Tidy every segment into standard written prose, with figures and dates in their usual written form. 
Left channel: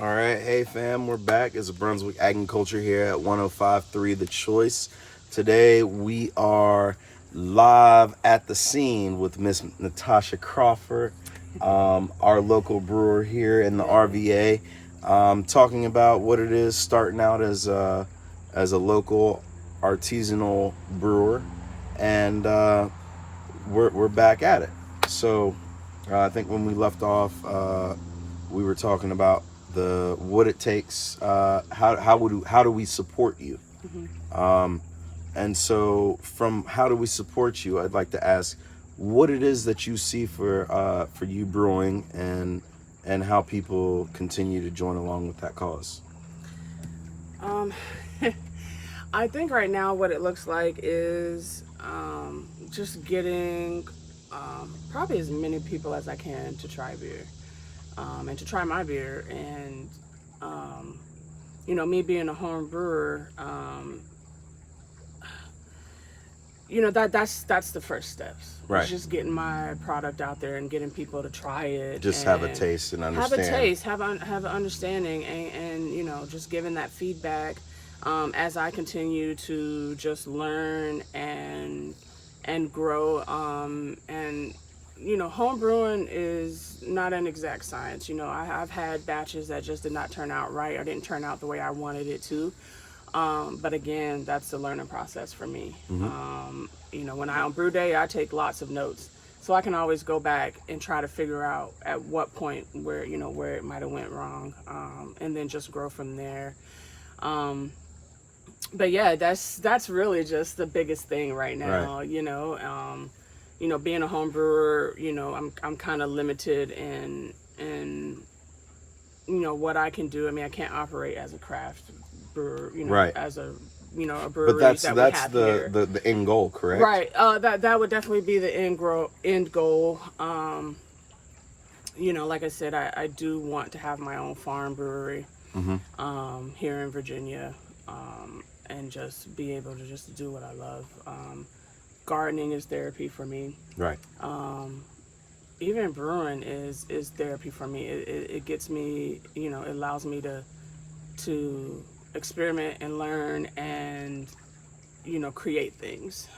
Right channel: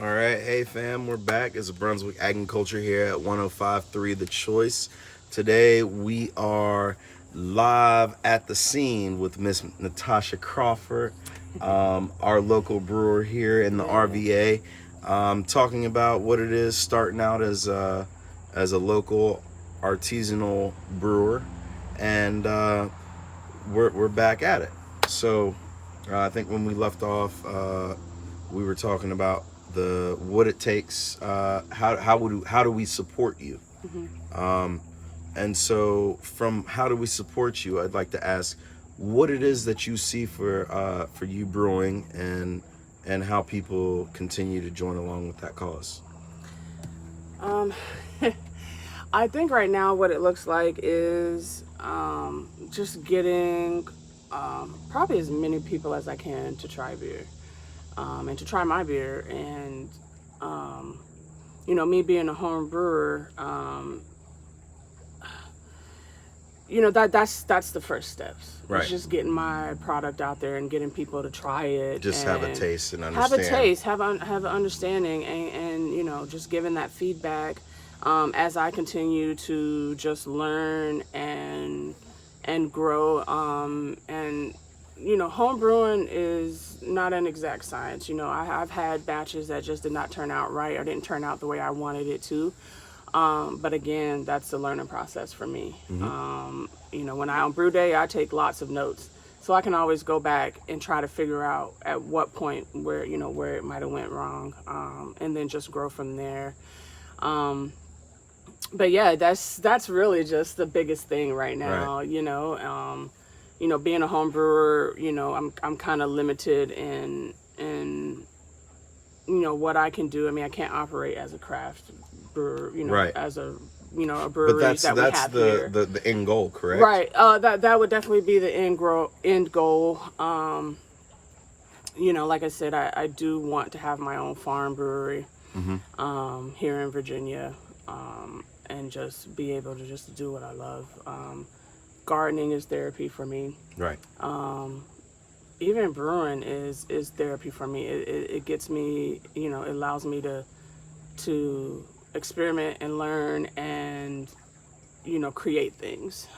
All right, hey fam, we're back. It's Brunswick AgNCulture here at 105.3 The Choice. Today we are live at the scene with Miss Natasha Crawford, our local brewer here in the RVA, talking about what it is starting out as a local artisanal brewer, and we're back at it. So I think when we left off, we were talking about what it takes, how do we support you, and so from how do we support you, I'd like to ask what it is that you see for you brewing, and how people continue to join along with that cause. I think right now what it looks like is just getting probably as many people as I can to try beer, and to try my beer. And me being a home brewer, that's the first steps. Right. It's just getting my product out there and getting people to try it. Just and have a taste and understand. Have an understanding, and just giving that feedback as I continue to just learn and grow. And home brewing is not an exact science. I've had batches that just did not turn out right or didn't turn out the way I wanted it to. But again, that's the learning process for me. When I on brew day, I take lots of notes, so I can always go back and try to figure out at what point where it might have went wrong, and then just grow from there. But yeah, that's really just the biggest thing right now. Right. Being a home brewer, I'm kind of limited in what I can do. I mean, I can't operate as a craft brewer, right, as a brewery. But that's the end goal, correct? Right. That would definitely be the end goal. Like I said, I do want to have my own farm brewery, here in Virginia, and just be able to just do what I love. Gardening is therapy for me. Right. Even brewing is therapy for me. It gets me, it allows me to experiment and learn and, create things,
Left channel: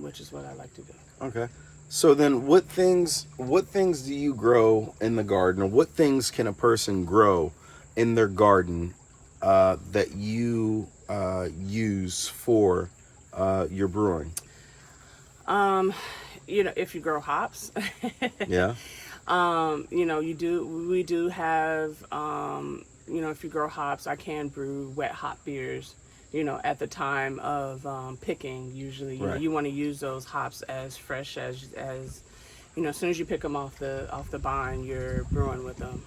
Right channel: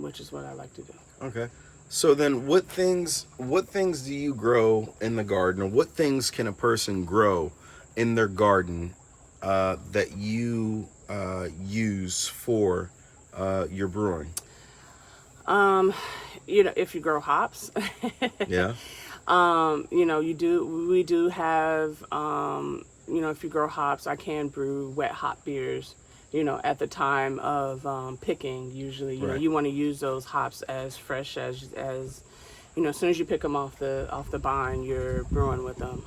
which is what I like to do. Okay. So then what things do you grow in the garden, or what things can a person grow in their garden that you use for your brewing? If you grow hops, yeah. We do have, if you grow hops, I can brew wet hop beers, at the time of picking. Usually, right, you want to use those hops as fresh as as soon as you pick them off the vine, you're brewing with them.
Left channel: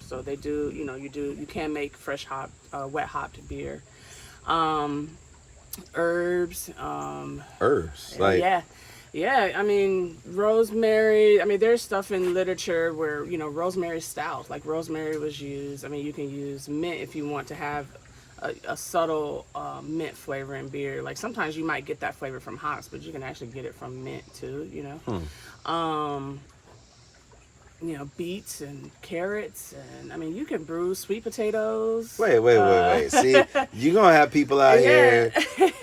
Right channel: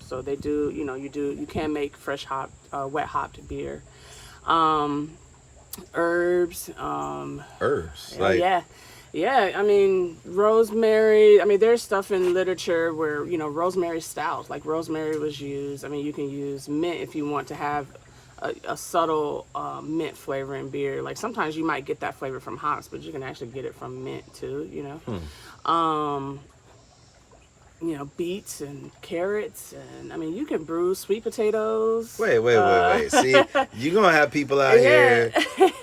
So they do, you can make fresh wet hopped beer. Herbs. Yeah. I mean, rosemary. I mean, there's stuff in literature where rosemary stout, like rosemary was used. I mean, you can use mint if you want to have a subtle mint flavor in beer. Like sometimes you might get that flavor from hops, but you can actually get it from mint too. Beets and carrots, and I mean, you can brew sweet potatoes. Wait. See, you're going to have people out here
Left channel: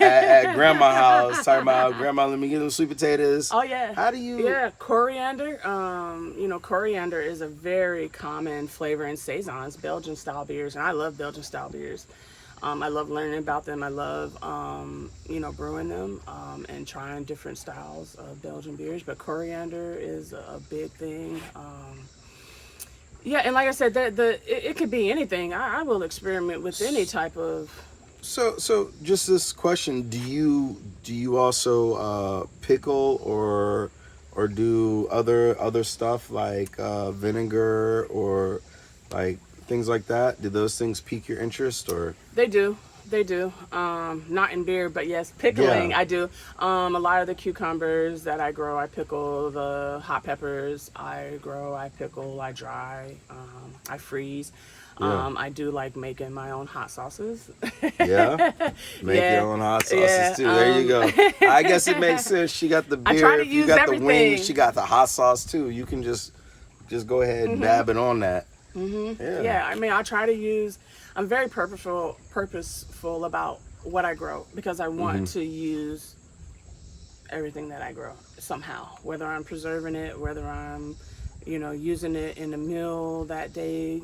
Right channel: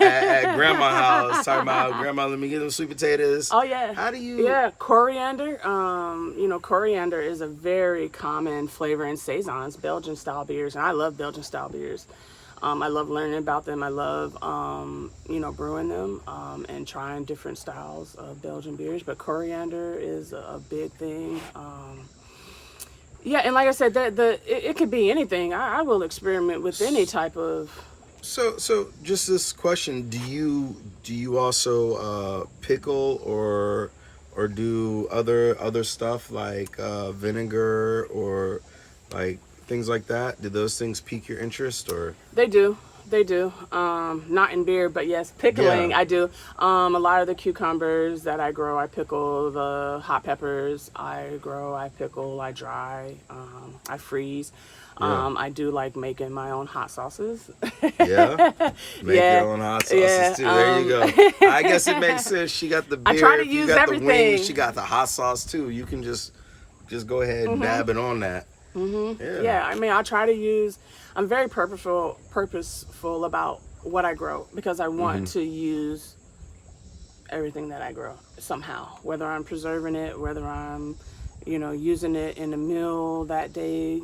at grandma's house talking about, grandma, let me get those sweet potatoes. Oh, yeah. How do you... Yeah, coriander. Coriander is a very common flavor in Saisons, Belgian-style beers, and I love Belgian-style beers. I love learning about them. I love, brewing them and trying different styles of Belgian beers. But coriander is a big thing. And like I said, it could be anything. I will experiment with any type of. So just this question: do you also pickle or do other stuff like vinegar or like things like that? Do those things pique your interest, or? They do. Not in beer, but yes, pickling. Yeah. I do. A lot of the cucumbers that I grow, I pickle. The hot peppers I grow, I pickle. I dry. I freeze. Yeah. I do like making my own hot sauces. Yeah, make your own hot sauces too. There you go. I guess it makes sense. She got the beer. You got everything. The wings. She got the hot sauce too. You can just go ahead and dab it on that. Yeah, I mean, I try to use. I'm very purposeful about what I grow because I want to use everything that I grow somehow. Whether I'm preserving it, whether I'm, using it in a meal that day.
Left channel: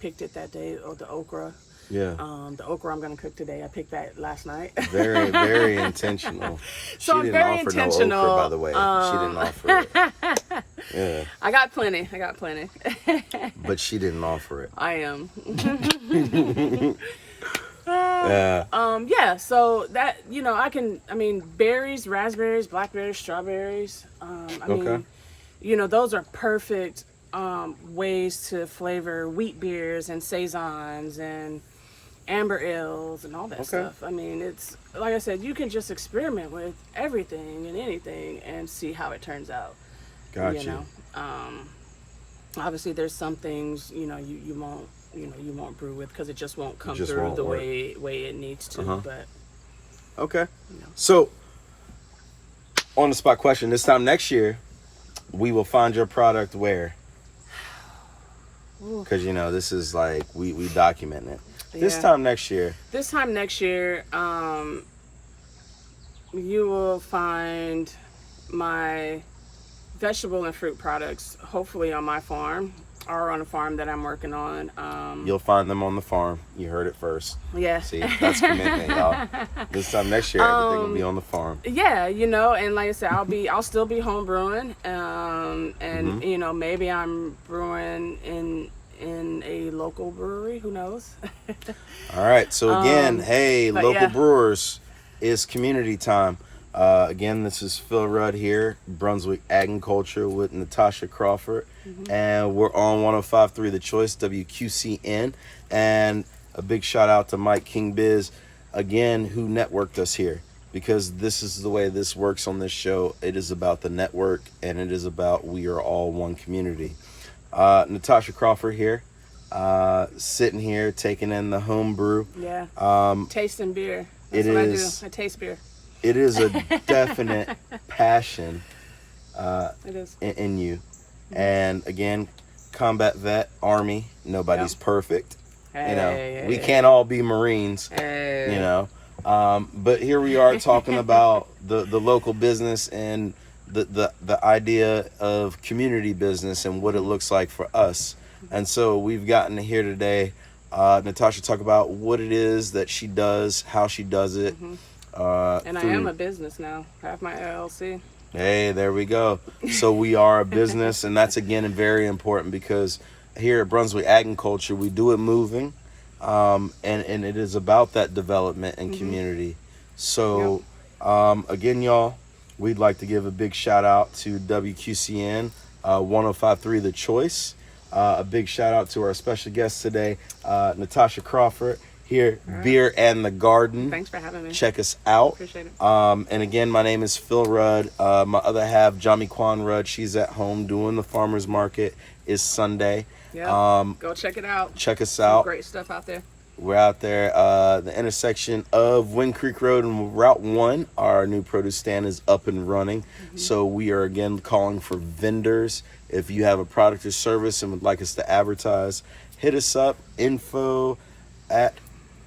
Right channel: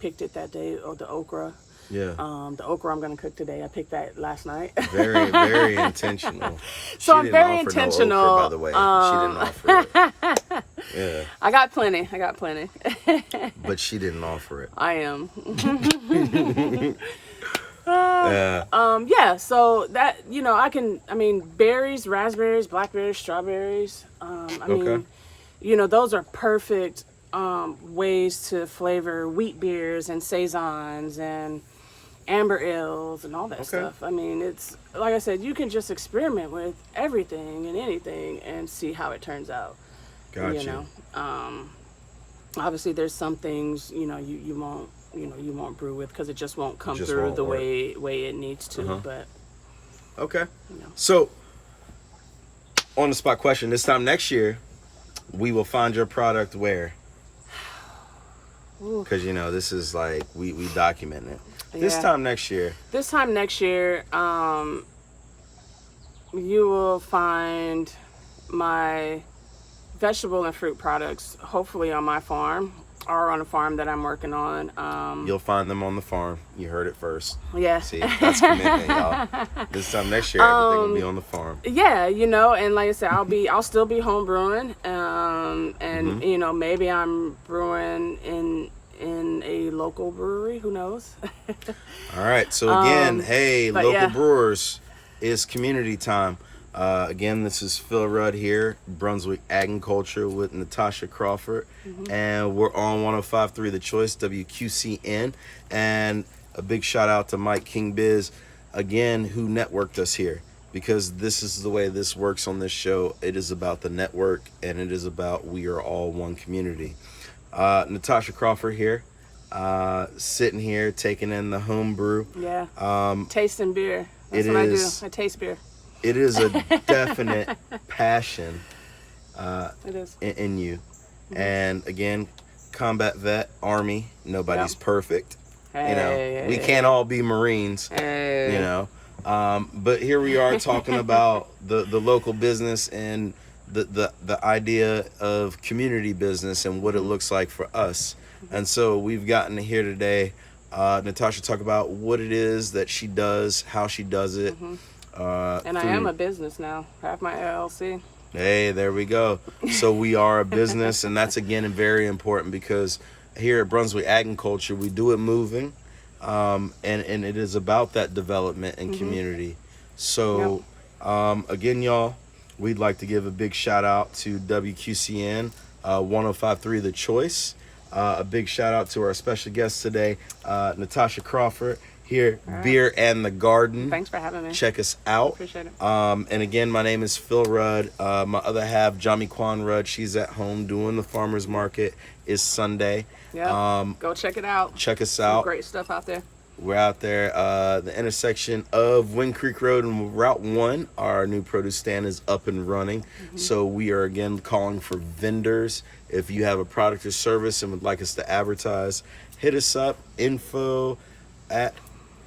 Picked it that day, or the okra. Yeah. The okra I'm gonna cook today. I picked that last night. Very, very intentional. So she I'm didn't very offer intentional. no okra, by the way. She didn't offer it. Yeah. I got plenty. But she didn't offer it. I am. Yeah. Yeah, so that, berries, raspberries, blackberries, strawberries. Those are perfect ways to flavor wheat beers and saisons and amber ales and all that stuff. I mean, it's like I said, you can just experiment with everything and anything and see how it turns out. Gotcha. Obviously there's some things, you won't brew with because it just won't come through the way it needs to. But okay. So, on the spot question: this time next year, we will find your product where? Because this is like we document it. This time next year, you will find my vegetable and fruit products hopefully on my farm or on a farm that I'm working on. You'll find them on the farm. You heard it first. Yeah. See, that's commitment, y'all. This time next year, everything will be on the farm. Yeah, and like I said, I'll still be home brewing, and maybe I'm brewing in a local brewery. Who knows? All right. So again, hey, local brewers, it's community time. Again, this is Phil Rudd here, Brunswick AgNCulture with Natasha Crawford, and we're on 105.3 The Choice, WQCN, and a big shout out to Mike King Biz, again, who networked us here, because this is the way this works on this show. It is about the network, and it is about we are all one community. Natasha Crawford here, sitting here, taking in the home brew. Yeah, tasting beer. That's what I do. I taste beer. It is a definite passion it is. in you. And again, combat vet, Army, nobody's perfect. We can't all be Marines, but here we are talking about the local business and the idea of community business and what it looks like for us. And so we've gotten here today, Natasha, talk about what it is that she does, how she does it. And I am a business now. I have my LLC. Hey, there we go. So we are a business, and that's again very important because here at Brunswick AgNCulture, we do it moving, and it is about that development and community. So again, y'all, we'd like to give a big shout out to WQCN 105.3 The Choice. A big shout out to our special guest today, Natasha Crawford. Here, Beer and the Garden. Thanks for having me. Check us out. Appreciate it. And again, my name is Phil Rudd. My other half, Jami Kwan Rudd, she's at home doing the farmer's market. It's Sunday. Yeah. Go check it out. Check us out. Some great stuff out there. We're out there, the intersection of Wind Creek Road and Route 1. Our new produce stand is up and running. So we are again calling for vendors. If you have a product or service and would like us to advertise, hit us up, info@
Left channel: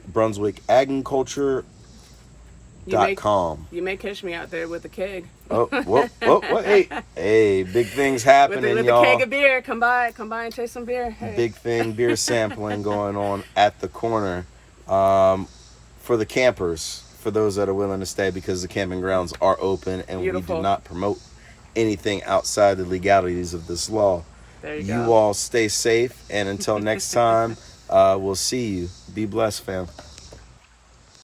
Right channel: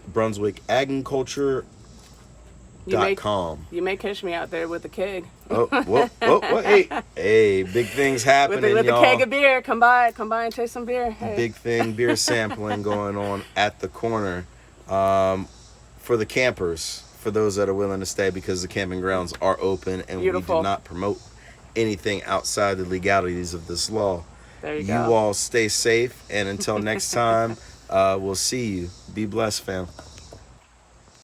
Brunswick AgNCulture.com. You may catch me out there with a keg. Whoa, hey, big things happening, with y'all. a keg of beer. Come by and taste some beer. Hey. Big thing, beer sampling going on at the corner for the campers, for those that are willing to stay, because the camping grounds are open and Beautiful. we do not promote anything outside the legalities of this law. There you go. All stay safe, and until next time, we'll see you. Be blessed, fam.